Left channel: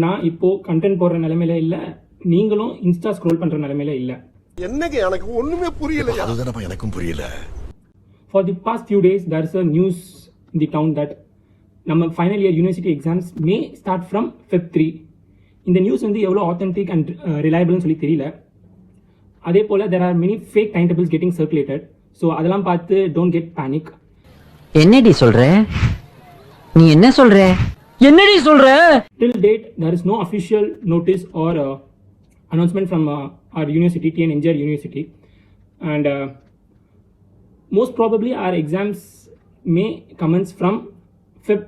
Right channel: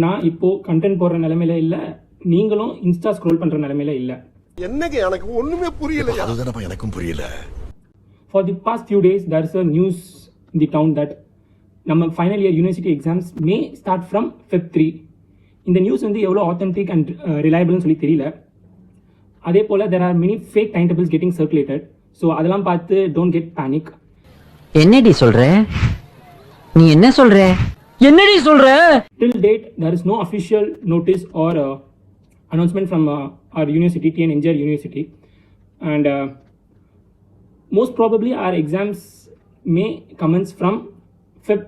நான் இப்போ கண்டென்ட் போடுற நிலைமையில இல்லை, நீங்களும் இன்ஸ்டா ஸ்க்ரோல் பண்ணுற நிலைமையில இல்லை. என்னங்க எனக்கு ஒண்ணுமே புரியல. அதுதானப்பா எனக்கும் புரியல. For the past few days, there is a news in the town that நம்ம final year university exams May start from Feb 3. இந்த நியூஸ் வந்து எவ்வளோ ஆத்தென்டிக் அண்ட் ரிலையபிள்னு சொல்லி தெரியல. அதே போல் there are many fake timetables getting circulated. So அதெல்லாம் பார்த்து don't get panic. என்னடி சொல்ற? நீ என்ன சொல்ற? என்னடி சொல்ற? Till date, there is no official notice or announcement from our university, TN Engineer University, and most probably our exams may commence from Feb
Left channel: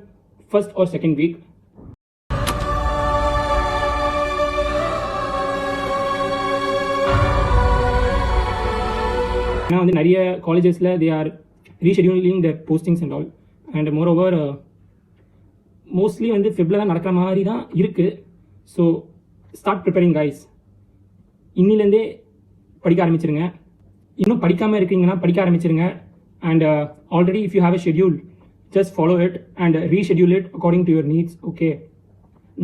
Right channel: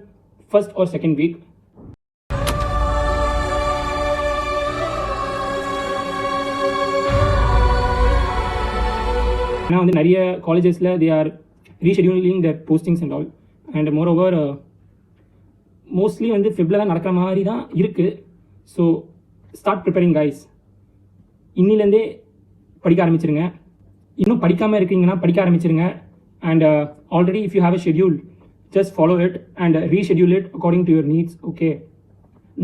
1st or 2nd week. Now, வந்து நிறைய collegesல they are rescheduling their postings and all, and moreover mostly வந்து ஃபெப்ல தான் நடக்கிற மாதிரி தான் இருக்குது. So start preparing guys. இன்னிலேருந்தே படிக்க ஆரம்பிச்சிருங்க. இன்னும் படிக்காமல் இருக்கீங்கன்னா படிக்க ஆரம்பிச்சிருங்க. And already if you have a schedule, just follow it and reschedule it according to your needs. Okay,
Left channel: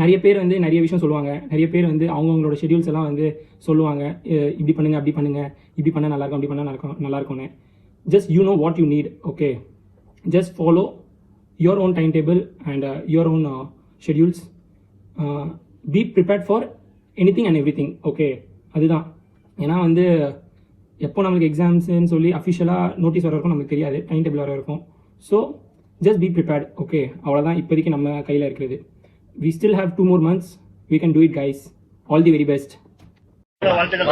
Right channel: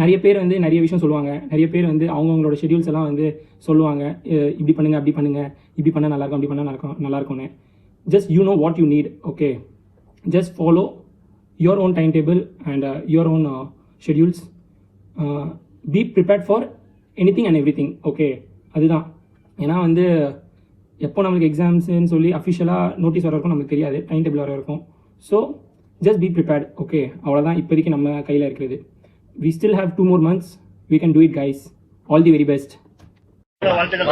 நிறைய பேர் வந்து நிறைய விஷயம் சொல்லுவாங்க. நிறைய பேர் வந்து அவங்களோட ஷெட்யூல்ஸ் எல்லாம் வந்து சொல்லுவாங்க, இப்படி பண்ணுங்க, அப்படி பண்ணுங்க, இப்படி பண்ணால் நல்லாயிருக்கும், அப்படி பண்ணால் நல்லாயிருக்கும்னு. Just you know what you need. Okay, just follow your own timetable and your own schedules. Be prepared for anything and everything. Okay, அதுதான். ஏன்னா வந்து எப்போ நம்மளுக்கு எக்ஸாம்ஸ்ன்னு சொல்லி அஃபிஷியலாக நோட்டீஸ் வர இருக்கும் நமக்கு தெரியாது, டைம் டேபிள் வர இருக்கும். So just be prepared. Okay, அவ்வளோதான் இப்போதைக்கு நம்ம கையில் இருக்கிறது. We still have 2 more months. We can do it guys. All the very best. வாழ்த்துக்கள்.